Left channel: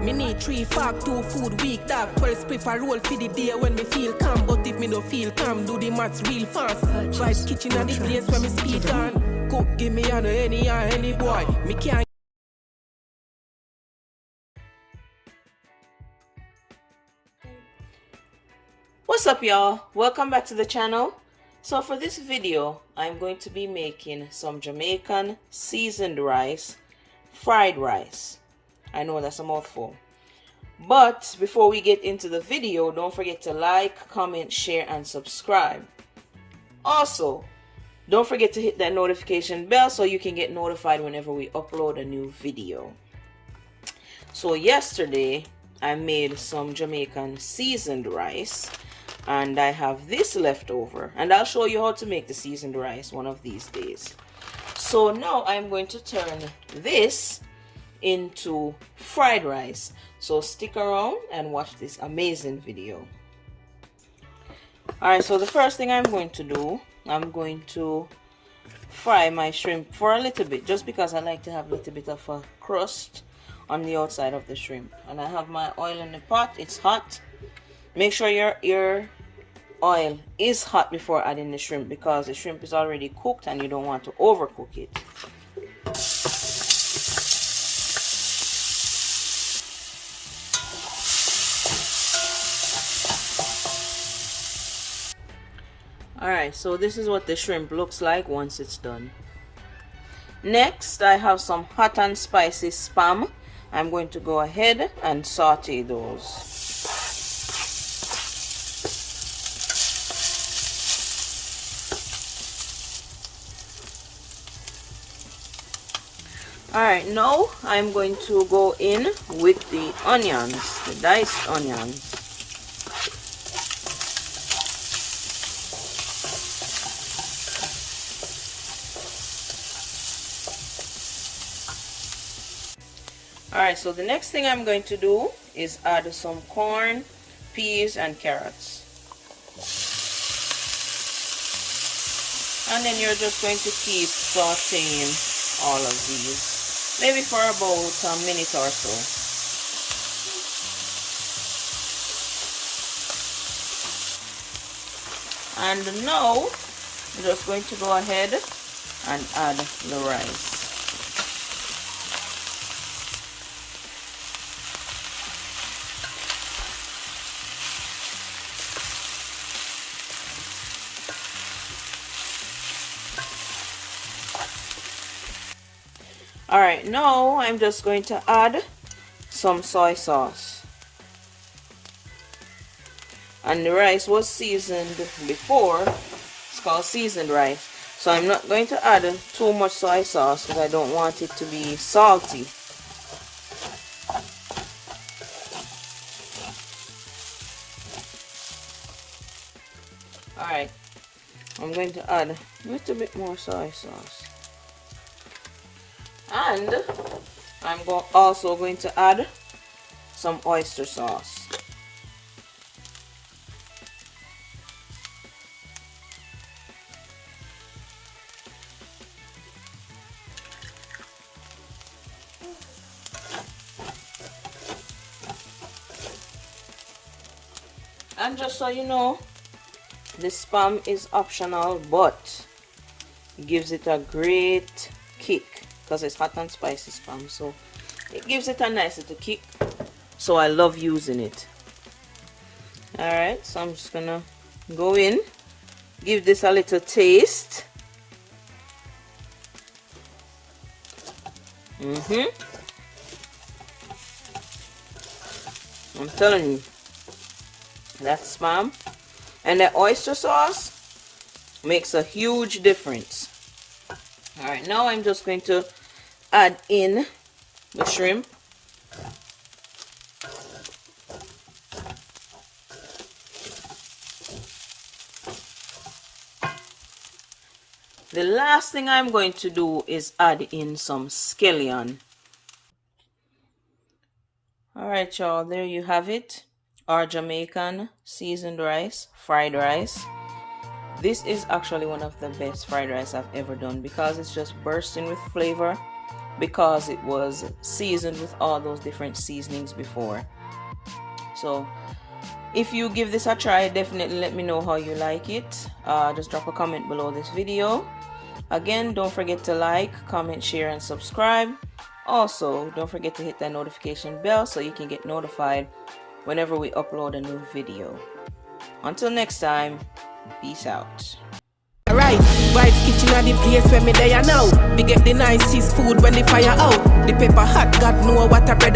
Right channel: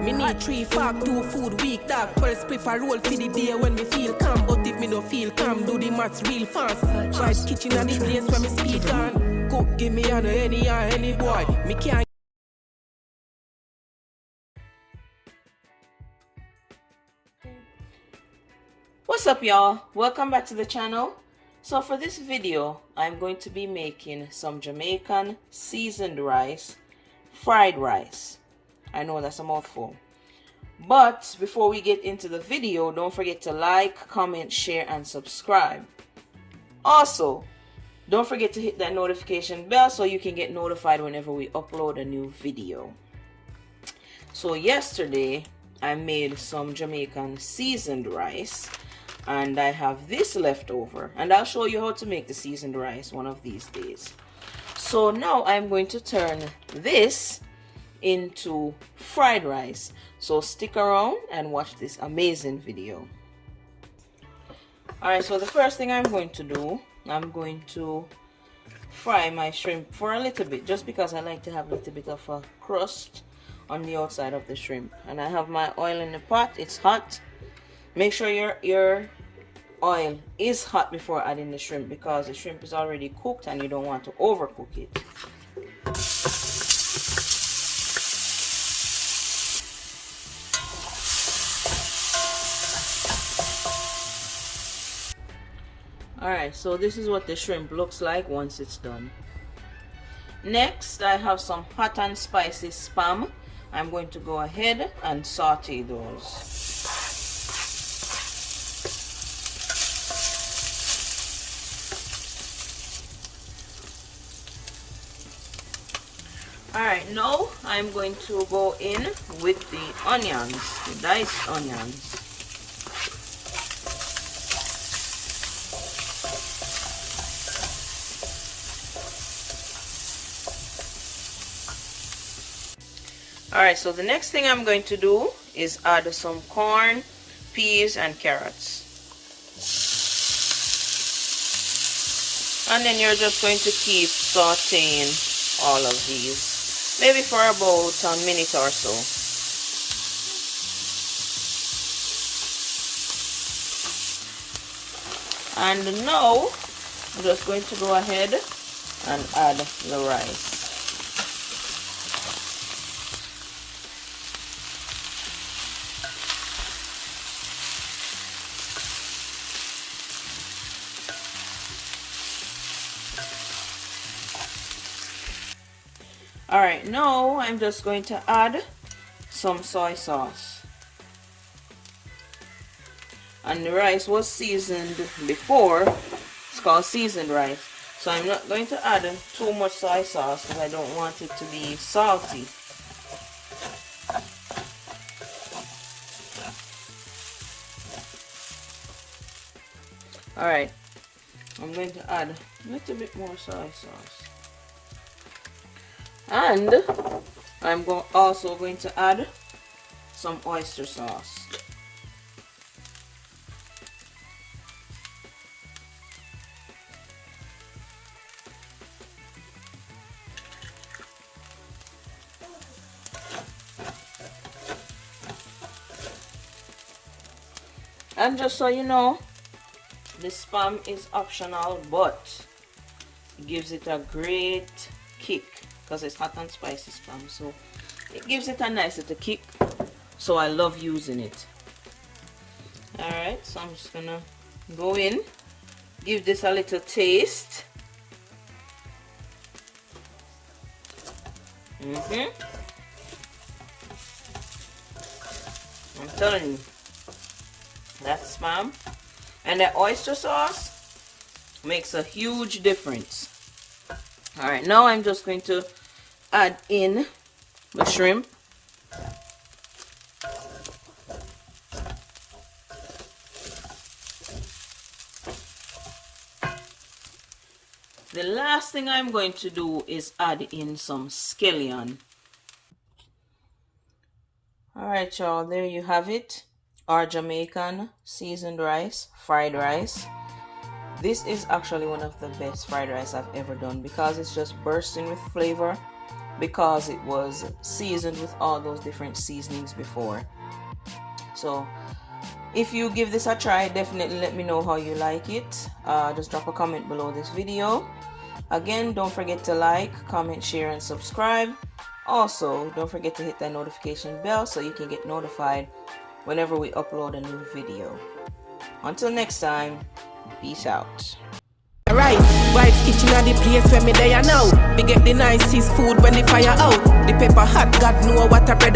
Me need 3 fork, 2 food week, dog. 12 spliff a roll for the day when me feel calm. But if me no feel calm, do the maths real fast. Vibes kitchen and the place where me speak on. Cook, give me an any boy. Me can't. What's up, y'all? Welcome back to the channel. So for this video, I'm going to be making some Jamaican seasoned rice, fried rice. I know that's a mouthful. But before we get into the video, don't forget to like, comment, share, and subscribe. Also, don't forget to hit that notification bell so you can get notified whenever we upload a new video. So yesterday, I made some Jamaican seasoned rice. And I have this left over, and I'll show you how to make the seasoned rice one of these days. So now I'm going to turn this into fried rice. So stick around and watch this amazing video. Alright, so the first thing I'm going to do, I'm going to fry my shrimp for a little bit, just because I like to have a little bit of a crust on the outside of the shrimp. And I have my oil in the pot. It's hot. Make sure your oil is hot before adding the shrimp, because the shrimp is already cooked and you don't want to overcook it. Alright, so this is what the shrimp looks like once it's done. Next, I have some hot and spicy spam. I'm going to go ahead and saute those. Alright, now I'm going to go in with the onions, the diced onions. Alright, so the next thing I'm going to do is add some corn, peas, and carrots. And then you're just going to keep sauteing all of these. Maybe for about a minute or so. And now I'm just going to go ahead and add the rice. Alright, now I'm just going to add some soy sauce. And the rice was seasoned before. It's called seasoned rice. So I'm not going to add too much soy sauce because I don't want it to be salty. Alright, I'm going to add a little bit more soy sauce. And I'm also going to add some oyster sauce. And just so you know, this spam is optional, but it gives it a great kick. Because it's hot and spicy spam, so it gives it a nice little kick, so I love using it. Alright, so I'm just gonna go in, give this a little taste. I'm telling you, that spam and the oyster sauce makes a huge difference. Alright, now I'm just going to add in the shrimp. The last thing I'm going to do is add in some scallion. Alright, y'all, there you have it. Our Jamaican seasoned rice, fried rice. This is actually one of the best fried rice I've ever done because it's just bursting with flavor. because it was seasoned with all those different seasonings before. So if you give this a try, definitely let me know how you like it. Just drop a comment below this video. Again, don't forget to like, comment, share, and subscribe. Also, don't forget to hit that notification bell so you can get notified whenever we upload a new video. Until next time, peace out. Right, Vibes Kitchen are the place where me there now. We get the nicest food when the fire out. The pepper hot, God know what a bread.